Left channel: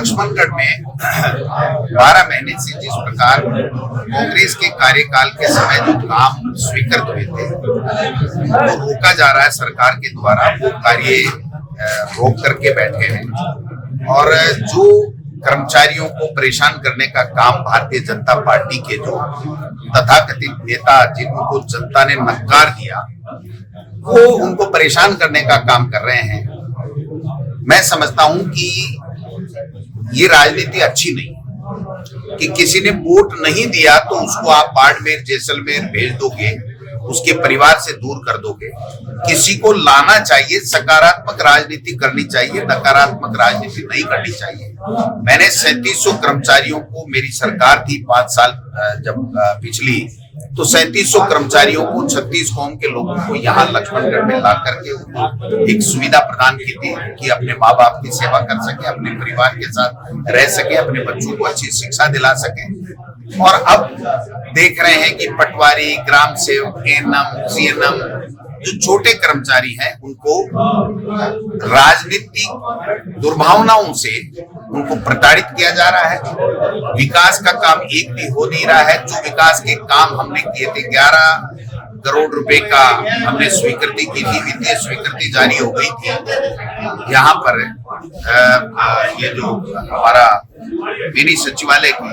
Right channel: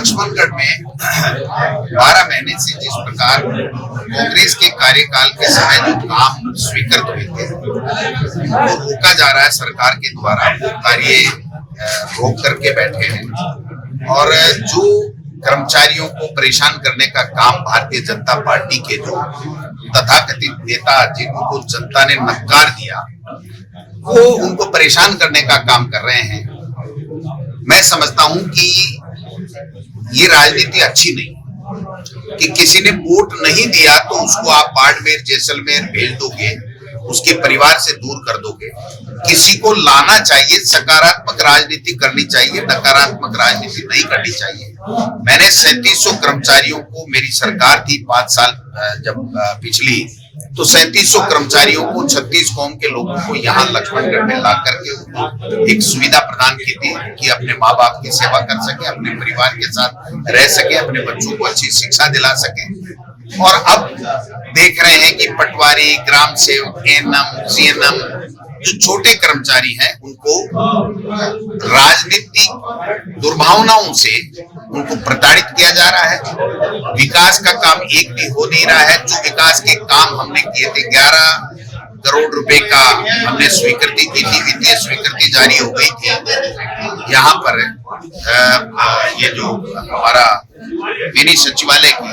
लक्ष्मणगढ़ में 12 महीने से जिस प्रकार कांग्रेस के कार्यकाल के समय जो काम स्वीकृत हुए थे वो रोका जा रहा है सरकार के द्वारा, वो कार्य रोक करके बैठे हैं। और जो कर्मचारियों को परेशान करने का काम भारतीय जनता पार्टी के जो तथाकथित नेता जिनको जनता ने नकार दिया वो उनको परेशान करने का काम कर रहे हैं। मैं समझता हूं कि ये राजनीति अच्छी नहीं कि किसी ने वोट नहीं दिया तो उसको आप बाड़मेर जैसलमेर भेज दोगे, उसके परिवार से दूर कर दोगे। किसी को लाना चाहिए, सकारात्मक राजनीति करनी चाहिए, नकारात्मक राजनीति नहीं करनी चाहिए। मैंने 3700 कर्मचारियों को, मेरी सरकार थी 5 साल जब पिछली, तो 3700 कर्मचारियों को 36 कौम के लोगों को यहाँ लक्ष्मणगढ़ में ला करके उनको एक सुविधा प्रदान की थी कि अपने माँ बाप की सेवा कर सके, अपने परिवार के साथ रह सके, अपने बच्चों को अच्छी शिक्षा दिला सके। और अब देख रहे हैं कि पटवारी, ग्राम सेवक, एएनएम, सीएनएम जो छोटे कर्मचारी हैं उनको राजनीतिक दुर्भावनाओं से उनको प्रताड़ित किया जा रहा है। विकास का काम एक भी हो नहीं रहा है। जो विकास के काम हमने किए थे, 11 करोड़ रुपए का हमने स्वीकृति की थी, वित्तीय स्वीकृति जारी हो गई थी। यहाँ पर ये जो हमारा मिनी सचिवालय की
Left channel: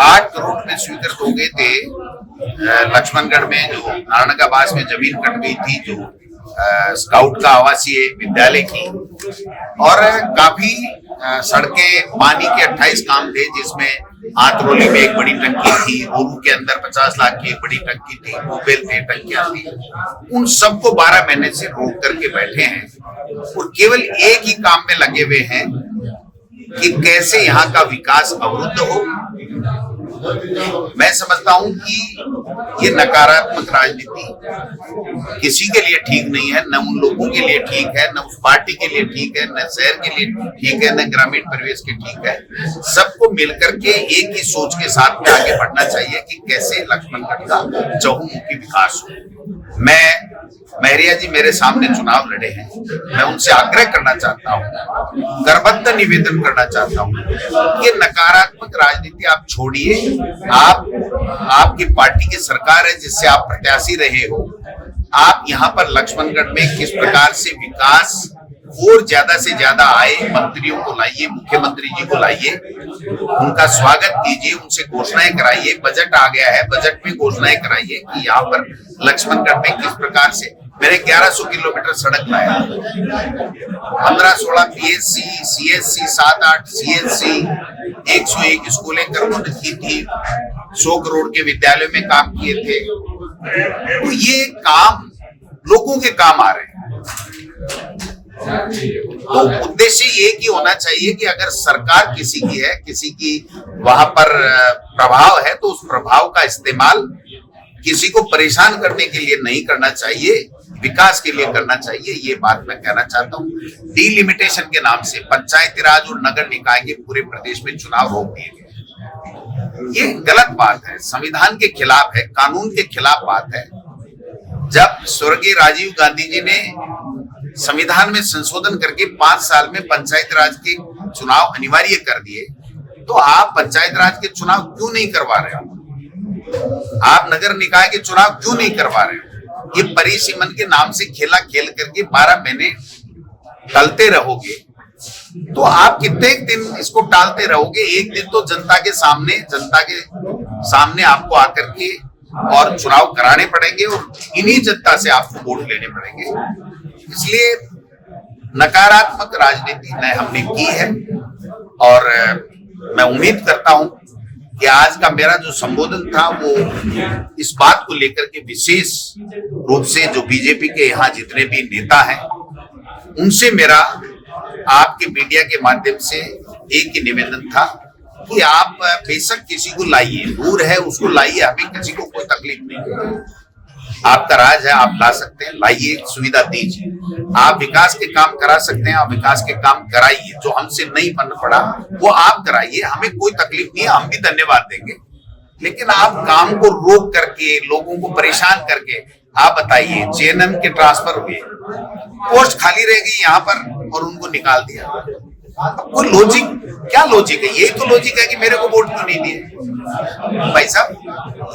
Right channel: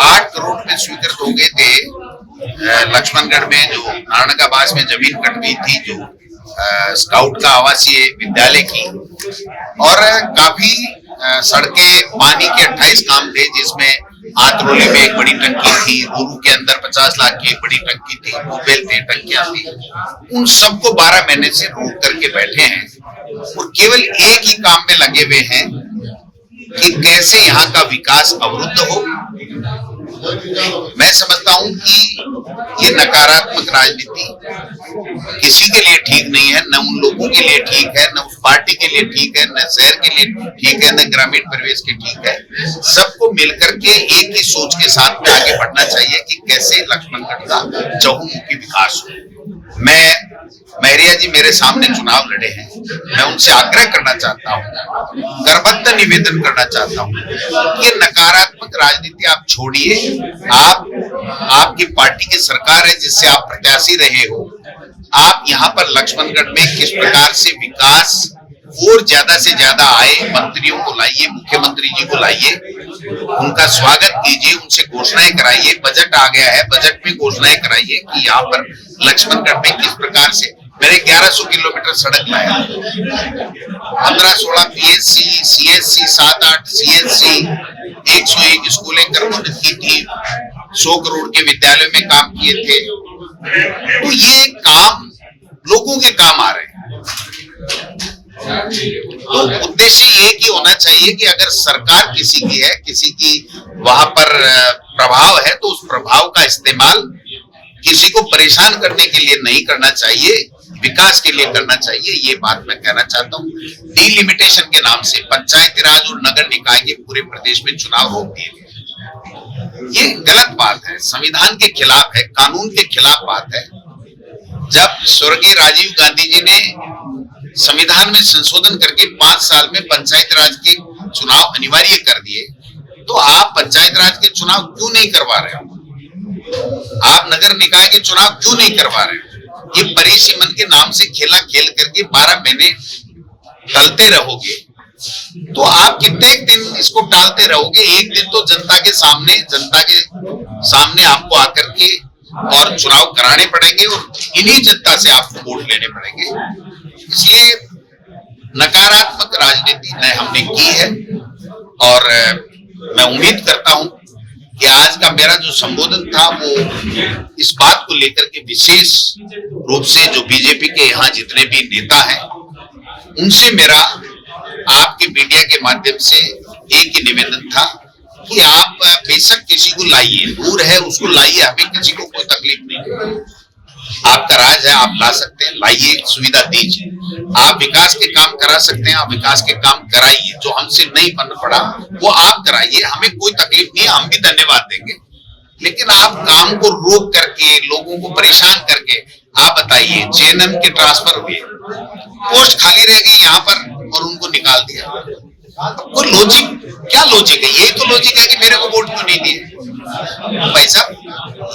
8 करोड़ रुपए स्वीकृत हो गए थे। लक्ष्मणगढ़ में जो नारायणगाबाद में जमीन कट गई थी, जो स्काउट का आवासीय विद्यालय की, और काफी सड़कें, पानी के 28 काम थे जिसमें आंतरोली में एक बड़ी टंकी थी, रोरू के अंदर 50 लाख की एक बड़ी टंकी थी, ट्यूबवेल थे, टंकियां थी। उन सबको 12 महीने से रोक करके बैठे हैं और केवल एक ही काम में लगे हुए हैं कि कैसे यहाँ का विकास अवरुद्ध हो। मैं समझता हूं कि ये नकारात्मक राजनीति किसी के लिए ठीक नहीं है, न उन लोगों के लिए ठीक है, न उस पार्टी के लिए ठीक है, न शहर के लिए ठीक है, न ग्रामीण परिवेश के ठीक है। सबको मिलकर के एक ही सोच के साथ में आगे बढ़ना चाहिए कि कैसे लक्ष्मणगढ़ का चहुमुखी विकास हो। महरिया जी मेरे सामने चुनाव लड़े हैं, मैं उनसे आग्रह करना चाहता हूँ, करबद्ध निवेदन करना चाहता हूँ, ये नकारात्मक राजनीति आप छोड़िए। आपकी पार्टी की सरकार है जिससे आप प्रत्याशी रहे हो। आप यहाँ पर लक्ष्मणगढ़ में किस प्रकार से विकास और ज्यादा से ज्यादा आए, मंत्रियों को लाइए, मुख्यमंत्री जी को लाइए, उनका स्वागत कीजिए, उनसे घोषणाएं कराइए। बजट आ गया है, बजट में घोषणाएं कराइए कि यहाँ पर लक्ष्मणगढ़ में किस प्रकार से मैंने 1100 किलोमीटर सड़क लाया, 15-16 पीएससी, सीएससी, 7-8 सीएससी, 101 स्कूलें क्रमोन्नत की थी, 100 करोड़ के विद्यालयों में काम किए थे। तो ये काम लोगों के काम आ रहे हैं। तो उद्देश्य एक ही होना चाहिए कि अगर सरकार किसी की है, किसी की वहां पर प्रभाव है, तो उस प्रभाव का इस्तेमाल किसी को परेशान करने के लिए नहीं करना चाहिए, विकास के लिए करना चाहिए। ये बात मैं कहना चाहता हूँ। डिलिमिटेशन के नाम से पंचायती राज और नगर निकाय के पूरे प्रदेश में चुनाव रोक दिए गए, ये गलत बात है, संविधान के खिलाफ है, कानून के खिलाफ बात है। जब स्वर्गीय राजीव गांधी जी ने संविधान में संशोधन करके 5 साल में पंचायत राज के चुनाव अनिवार्य कर दिए, तो आप पंचायत राज के चुनाव क्यों नहीं करवा रहे हो? आप नगर निकाय के चुनाव क्यों नहीं करवा रहे हो? ये परिसीमन के नाम से खेला खेल करके 12 महीने टलते रहोगे तो आप कितने दिन इसको टालते रहोगे? एक दिन तो जनता के सामने आपको आकर के और चुनाव कराने पड़ेंगे और इन्हीं जनता से आपको वोट लेने पड़ेंगे। इसलिए नकारात्मक राजनीति न हमने की है और मैं उम्मीद करता हूं कि आज का मेरा जो संबोधन था वो इस बात को लेकर के विशेष रूप से जो बीजेपी के यहाँ जितने भी नेता हैं उनसे मेरा आपके मीडिया के माध्यम से एक ही निवेदन था कि आप बेशक किसी को लाइए, दूर है उसको लाइए, हमें किसी को कोई तकलीफ नहीं है। आपका राज है, आप ला सकते हैं, लाइए, सुविधा दीजिए। आप विकास के काम करा सकते हैं, आप विकास के काम कराइए। जो हमसे नहीं बन पड़ा वो आप कराइए, हमें कोई तकलीफ नहीं है, हम भी धन्यवाद देंगे। लेकिन आप काम को रोक करके, लोगों को परेशान करके, आप बताइए, जेएनएम के ट्रांसफर हुए, पोस्ट खाली रह गई यहाँ पर और उनको निकाल दिया। कोई लॉजिक, क्या लॉजिक है, यही तो लॉजिक है कि मेरे को वोट क्यों नहीं दिए। भाई साहब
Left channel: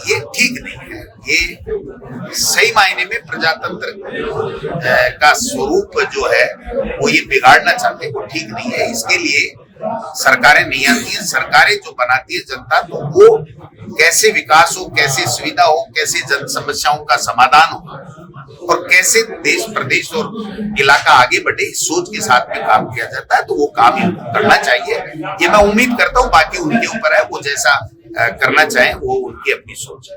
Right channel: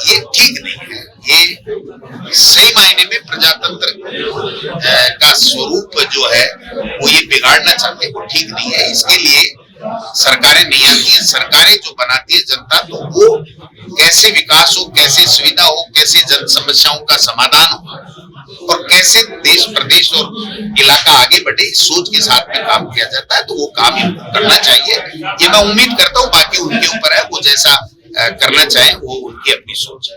ये ठीक नहीं है, ये सही मायने में प्रजातंत्र का स्वरूप जो है वो ये बिगाड़ना चाहते हैं, वो ठीक नहीं है। इसके लिए सरकारें नहीं आती है, सरकारें जो बनाती है जनता, तो वो कैसे विकास हो, कैसे सुविधा हो, कैसे जन समस्याओं का समाधान हो और कैसे देश प्रदेश और इलाका आगे बढ़े, इस सोच के साथ में काम किया जाता है, तो वो काम इनको करना चाहिए। ये मैं उम्मीद करता हूँ, बाकी उनके ऊपर है, वो जैसा करना चाहें, वो उनकी अपनी सोच है।